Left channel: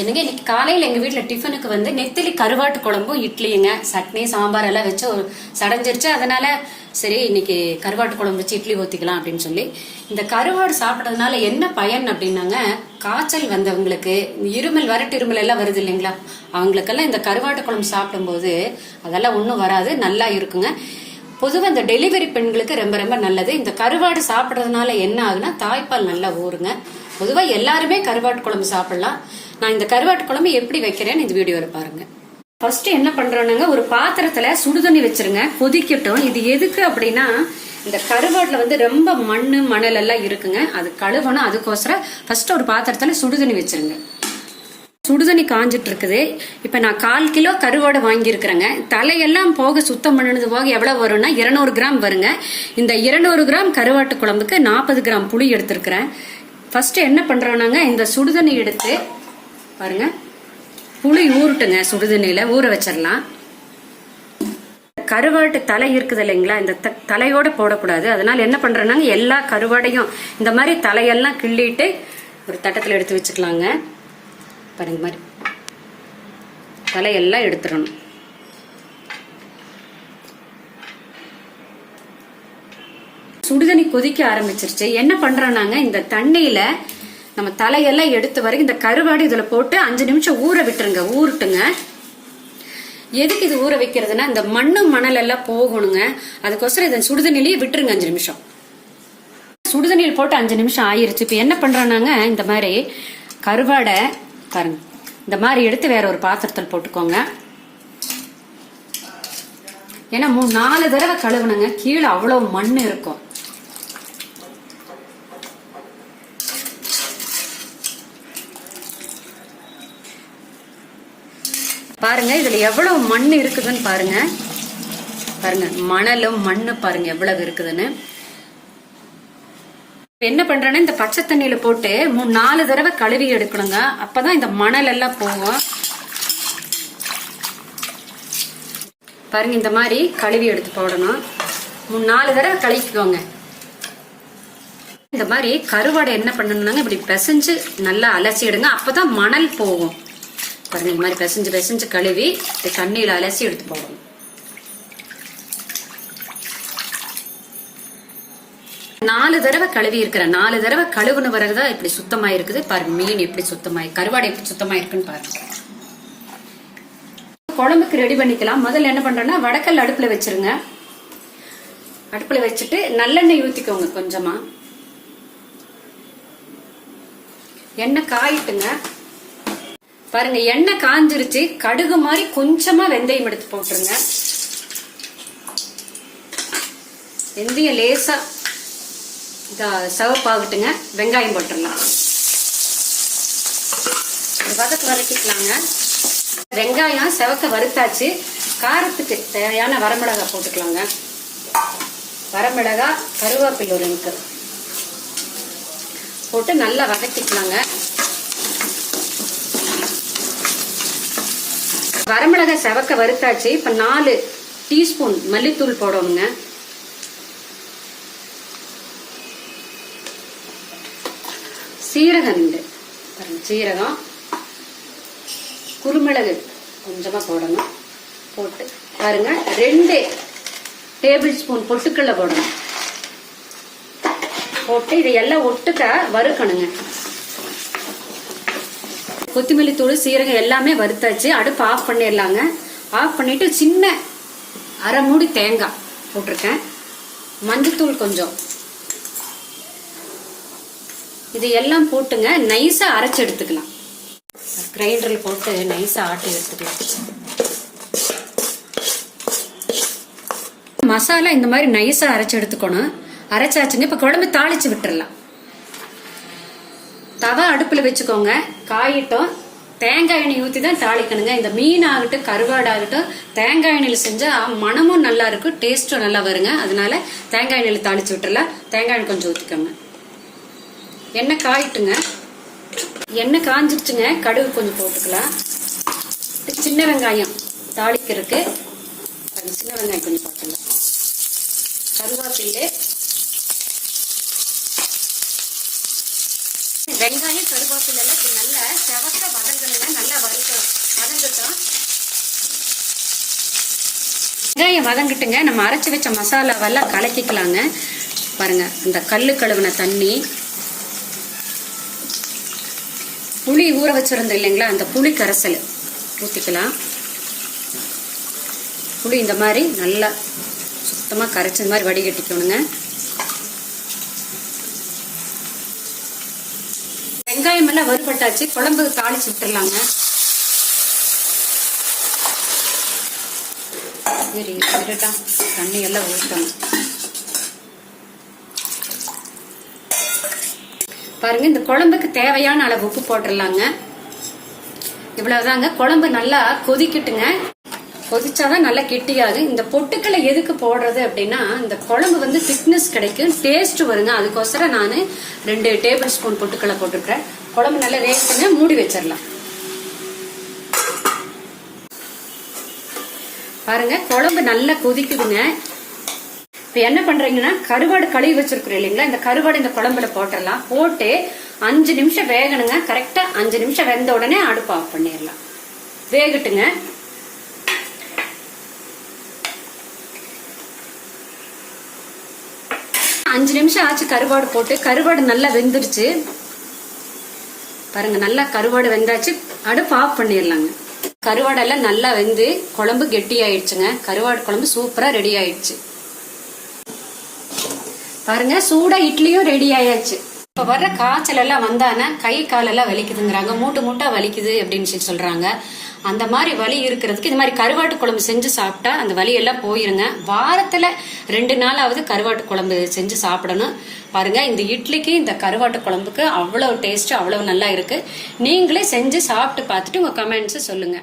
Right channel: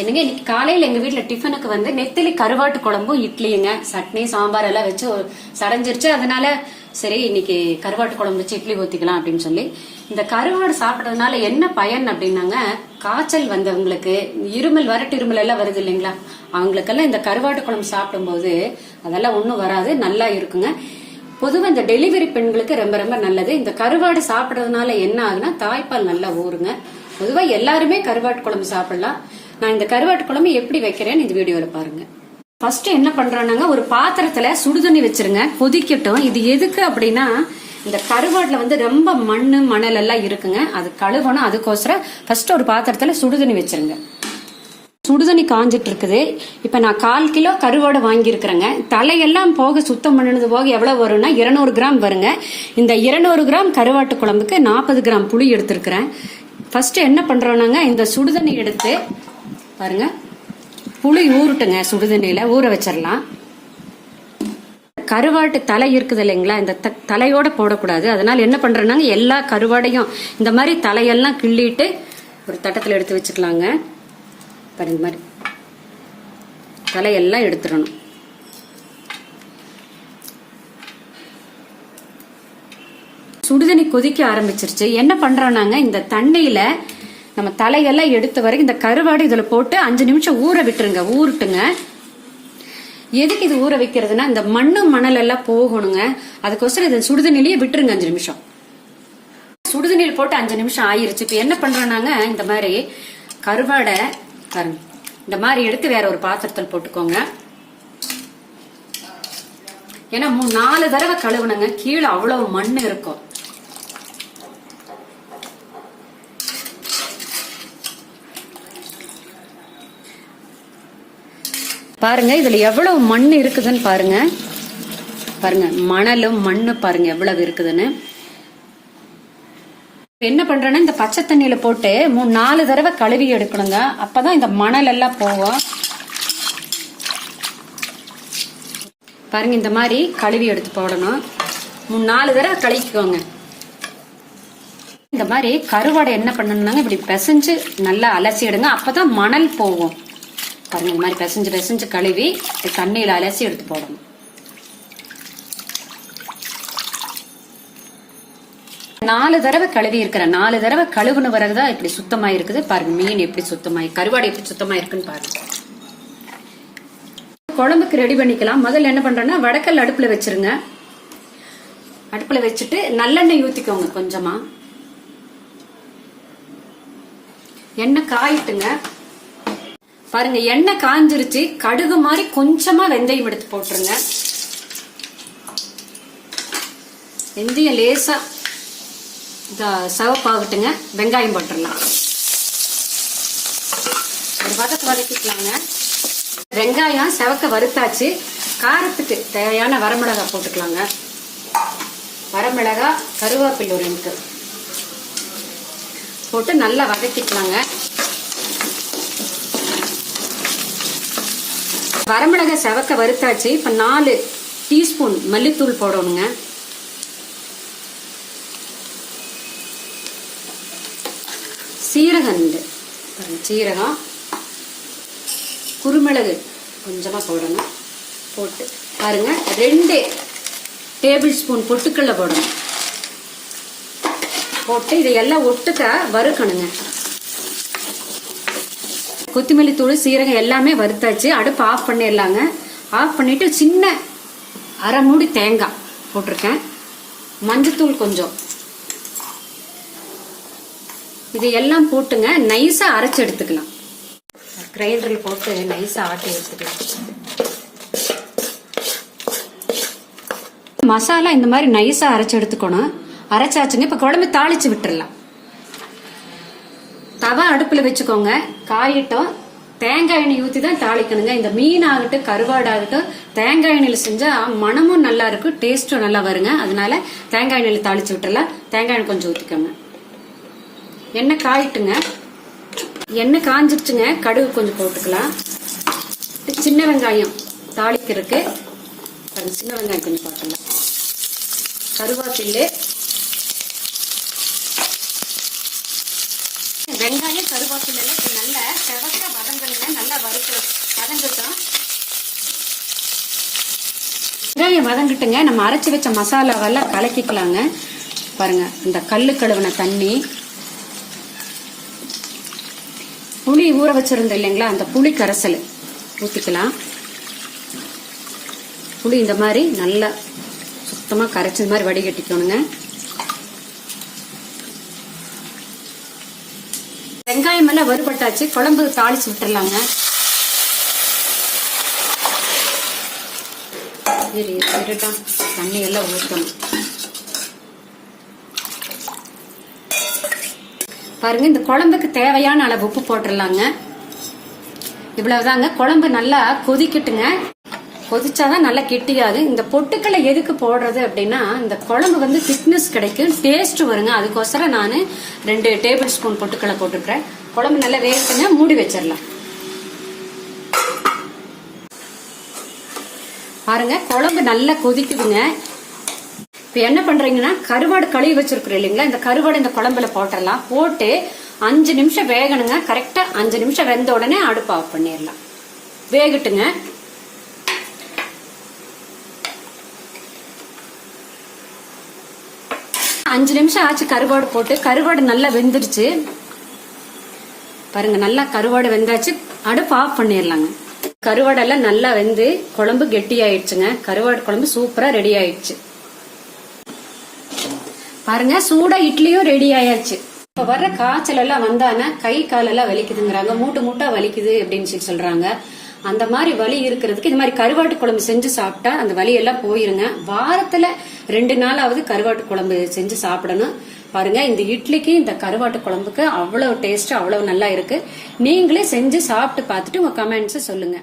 என்னங்க இன்னைக்கு காலையில எங்க வீட்டுல டிஃபனுக்கு வந்து நெத்திலி கருவாட்டு குழம்பும் இட்லிங்க, சட்னி சாம்பார் எல்லாம் வச்சு சடைஞ்சிருச்சு. அதனால சரி இன்னைக்கு கருவாட்டு குழம்பு வச்சு இட்லி ஊத்திக்கலாம் அப்படின்னு சொல்லி, இந்த கருவாடு சாப்பிடறதுனால என்ன பயன் அப்படின்னாங்க, காய்ச்சல் வந்தவங்களுக்கு, இருமல் வரட்டு இருமல் எல்லாம் வருது இல்லைங்களா, அவங்களுக்கெல்லாம் இந்த கருவாட்டு குழம்பு சாப்பிடும் போது அதெல்லாம் ஒண்ணும் வராது, நல்லா இருக்குங்க. பொதுவாக இந்த டெலிவரி பெண்களுக்கு ரொம்ப ரொம்ப நல்லது. இந்த கருவாடு சாப்பிட்றதுனால என்ன ஆகுனா தாய்ப்பால் நல்லா ஊறுங்க. பொதுவாக எல்லாருமே கருவாட்டு குழம்பு சாப்பிடலாம். நான் இந்த கருவாட்டு குழம்பு எப்படி வைக்கிறேன்னு இந்த வீடியோல பாருங்க. ஃபர்ஸ்ட் என்ன பண்றேன்னாங்க, ஒரு பாத்திரத்துல சுடுதண்ணி வச்சிருங்க, கொதிக்கட்டும். இது எதுக்கு அப்படின்னா, இந்த கருவாட்டுல வந்து ரொம்ப மண்ணு மணல் எல்லாம் இருக்குங்க, அது கழுவணும். அதுக்கோசரம் ஃபர்ஸ்ட் ஒரு பாத்திரத்துல சுடுதண்ணி வச்சிருங்க. சுடுதண்ணி காஞ்சிட்டு இருக்குது. இப்ப நான் 1/4 கிலோ கருவாடை வாங்கியிருக்கிறேங்க. தலையெல்லாம் போக சுத்தம் பண்ணினது போக எவ்வளவு வரும்னா 200 கிராம் வருங்க. இந்த 200 கிராம் கருவாட்டு குழம்புக்கு 40 கிராம் புளி எடுத்திருக்கிறேன். ஃபர்ஸ்ட் என்ன பண்றோம்னாங்க, இந்த சுடுதண்ணி எடுத்து பாருங்க, புளி ஊருட்டுங்க, சுடுதண்ணியில ஊற வச்சிடலாம். கருவாட்டு தலை இருக்குது இல்லைங்களா, இந்த தலையோட போடக்கூடாது. அதனால என்ன பண்றேன்னாங்க, எல்லா கருவாடையும் இந்த மாதிரி தலையெல்லாம் கிள்ளிட்டு ஒரு தட்டத்துல எடுத்து வச்சுக்கலாங்க. பாருங்க, மாதிரி தலையெல்லாம் எடுத்துடணும். சுடுதண்ணி கொதிக்க ஆரம்பிச்சிருச்சு. என்ன பண்றோம்னாங்க, இந்த தண்ணியில நம்ம தலையெல்லாம் எடுத்த வரைக்கும் இந்த கருவாடு இதுல போட்டு 5 நிமிஷம் ஊற விட்டுருங்க, ஊருட்டுங்க. எதுக்கு இது ஊற வைக்கிறதுனா, இந்த மண்ணு மணல் எல்லாம் போகணுங்க. அதுக்கோசரம் இதை சுடுதண்ணிலேயே விட்டுருங்க 5 நிமிஷம். சுடுதண்ணியில் போட்டு 5 நிமிஷம் ஆயிருச்சு. இப்ப என்ன பண்றோம்னாங்க, இந்த மாதிரி கருவாடை பாருங்க, இந்த மாதிரி எடுத்து வேற ஒரு பாத்திரத்தில் போட்டுக்கோங்க. ஏன்னா 3-4 தடவை கழுவுனுங்க, கீழே அவ்வளவு மண் இருக்கும். பாருங்க இதுல எவ்வளவு மண் இருக்குதுன்னு பாருங்க. பாருங்க மணலும் மண்ணு பாருங்க எவ்வளவு இருக்குதுன்னு. என்ன பண்றேன்னா, இந்த பச்சை தண்ணியில போட்டு 3-4 தடவை கழுவி எடுக்கணுங்க. அப்பதான் இந்த மணல் எல்லாம் போகும். பாருங்க இந்த மாதிரி கழுவி எடுத்து போடணும். 3-4 தடவை கழுவிக்கோங்க. இந்த மாதிரி கருவாடை என்ன பண்ணணும்னாங்க, இப்படி பிசைஞ்சு நல்லா அலசி எடுங்க. அப்பதான் மணல் போகும். பாருங்க இந்த மாதிரி பிசைஞ்சு கழுவி தண்ணியில அலசி எடுத்து போடணும். நாலு தடவை கழுவி இருக்கிற 4 தடவை கழுவுன பிறகுதான் இப்படி சுத்தமா இருக்குது. பாருங்க மீன் எப்படி சுத்தமாயி, கருவாடு எப்படி சுத்தமா இருக்குன்னு பாருங்க. குழம்புக்கு ரெடி பண்ணிக்கலாம். முதல்ல என்ன பண்றேன்னா, வடக்கல் அடுப்புல வச்சிருங்க. அடுப்புல வச்சுட்டு நல்லெண்ணெய் ஊத்திக்கோங்க கொஞ்சமா. எண்ணெய் காயிட்டுங்க. பாருங்க எண்ணெய் காஞ்சிருச்சு. கடுகு மாதிரி கொஞ்சமா வெந்தயம் எடுத்து போட்டுருங்க. வெந்தயம் லேசா சிவப்பாகட்டுங்க. வெங்காயம் போட்டுடலாம். ஒரு பக்கத்து வதக்கிக்கலாங்க. வெங்காயம் செவக்க வறுத்தாச்சு. காரத்துக்கு தேவையான வரமிளகா போட்டுக்கலாங்க. வரமிளகா, கருவேப்பிலை ஒரு இன்க்கு போட்டு நல்லா வதக்கிக்கலாங்க. வரமிளகா செவக்க வறுத்தாச்சு. இப்ப 4 டீஸ்பூன் மல்லித்தூள் போடணுங்க. சீரகம், சீரகம், குருமிளகு கொஞ்சமா போடணும். போட்டு பாருங்க 2 டேபிள் ஸ்பூன் பொட்டுக்கடலை போடணும். போட்டு இதையெல்லாம் ஒட்டுக்க வறுக்கணுங்க. கொத்தமல்லி தூள், சீரகம் எல்லாமே வறுத்தாச்சு. அடுப்பு ஆஃப் பண்ணிடலாங்க. ஆஃப் பண்ணிட்டு சின்ன 1/2 மூடி தேங்காய் போட்டிருக்கேன். மஞ்சத்தூள் கொஞ்சம், இது எல்லாம் போட்டுங்க நைஸா அரைச்சு எடுத்துக்கலாம். கிரைண்டர்ல போட்டு நைஸா ஆட்டி எடுத்துக்கலாம். மசாலா இந்த மாதிரி நைஸா அரைச்சு எடுத்துக்கணும். அரைச்சாச்சுங்க. இப்ப குழம்பு தாளிச்சு விட்டுறலாம். தவா அடுப்புல வச்சுக்கோங்க. காயிட்டும். தேங்காய் எண்ணெய் ஊத்தி தான் தாளிக்கணுங்க. இந்த மீன் ஆகட்டும் கருவாடு ஆகட்டும் தேங்காய் எண்ணெயில செஞ்சா மனமும் நல்லா இருக்கும், டேஸ்டும் நல்லா வருங்க. அதனால தேங்காய் எண்ணெயில தாளிச்சு விட்டுறலாம். தேங்காய் எண்ணெய் கொஞ்சம் ஊத்திக்கோங்க. எண்ணெய் காயிட்டுங்க. எண்ணெய் காஞ்சிருச்சுங்க. கடுகு கொஞ்சம் போட்டுக்கலாம். சின்ன வெங்காயம் தாளிக்கிறதுக்கு சின்ன வெங்காயம் கொஞ்சம் போட்டுக்கலாம். கருவேப்பிலை, வெங்காயம், கருவேப்பிலை நல்லா செவக்க வதங்கணுங்க. வெங்காயம் வதங்கிட்டுங்க. நம்ம அரைச்சி வச்ச மசாலாவெல்லாம் கலக்கிக்கலாங்க. பாருங்க, இந்த கல்லு கழுவின தண்ணி, புளி ஊற வச்சிருந்தோம் இல்லைங்களா, அந்த புளி கரைசல் ஊத்திக்கலாம். புளி இந்த மாதிரி நல்லா சுத்தமா கரைச்சி இந்த மாதிரி வடிகட்டிக்கணுங்க. வெங்காயம் எல்லாம் வறுபட்டாச்சு. குழம்பு தாளிச்சு விட்டுறலாங்க. தண்ணி எல்லாம் ஊற்றணும். பாருங்க, இந்த குழம்புக்கு தேவையான அளவு உப்பு போட்டுடலாங்க. இவ்வளவுதாங்க. குழம்பு நல்லா கொதிக்கட்டுங்க. கொதிச்சாதான் நல்லா கெட்டியாது. இந்த பொட்டுக்களை எதுக்கு போடுறது அப்படின்னா, இந்த குழம்பு வந்து திக்னஸ் கிடைக்கும், டேஸ்ட் வருங்க. அதுக்கோசரம் நான் 2 டேபிள் ஸ்பூன் பொட்டுக்களை போட்டுக்கிறேன். குழம்பு நல்லா வேகட்டுங்க, மூடி வச்சிடலாம். பாருங்க, குழம்பு நல்லா கொதிக்குதுங்க. இப்ப என்ன பண்றீங்கன்னா, கருவாடு கழுவி வச்சிருக்கிறோம் இல்லைங்களா, இந்த கருவாடு இந்த குழம்புல போட்டுடலாம். போட்டு 5 நிமிஷம் வேகணுங்க. கரெக்டா 5 நிமிஷம் வெந்த உடனே அடுப்பு ஆஃப் பண்ணிடலாம். வேகட்டுங்க. அஞ்சு நிமிஷம் ஆச்சு கருவாடு போட்டு. கருவாடு நல்லா வெந்துருச்சு பாருங்க. நல்லா கருவாடு வெந்தாச்சு. அடுப்பு ஆஃப் பண்ணிடலாங்க. கருவாடெல்லாம் நல்லா வெந்து குழம்பு கெட்டி ஆயிடுச்சுங்க. கருவாடு குழம்பு சூப்பரா ரெடி ஆயிடுச்சு. பாருங்க, சூடா இட்லியும் ரெடி ஆயாச்சு. இப்ப வர்ற காய்ச்சல் எல்லாம் வந்தானே கை காலெல்லாம் வலிக்குதுங்கிறாங்க, மூட்டா வலிக்குது அப்படின்னு சொல்றாங்க. அந்த மாதிரி வலி இருக்கிறதுக்கு இந்த மாதிரி கருவாட்டு குழம்பு செஞ்சு சாப்பிட்டா அந்த வலி எல்லாம் போயிருங்க. வாரத்துல 2 நாளாவது கருவாட்டு குழம்பு செஞ்சு சாப்பிடணும். பாருங்க, இந்த இட்லிக்கு இந்த கருவாட்டு குழம்புக்கு அவ்வளவு டேஸ்ட், அவ்வளவு நல்லா இருக்கு. நீங்களே செஞ்சு சாப்பிட்டு பார்த்துட்டு உங்க கமெண்ட்ஸ் சொல்லுங்க.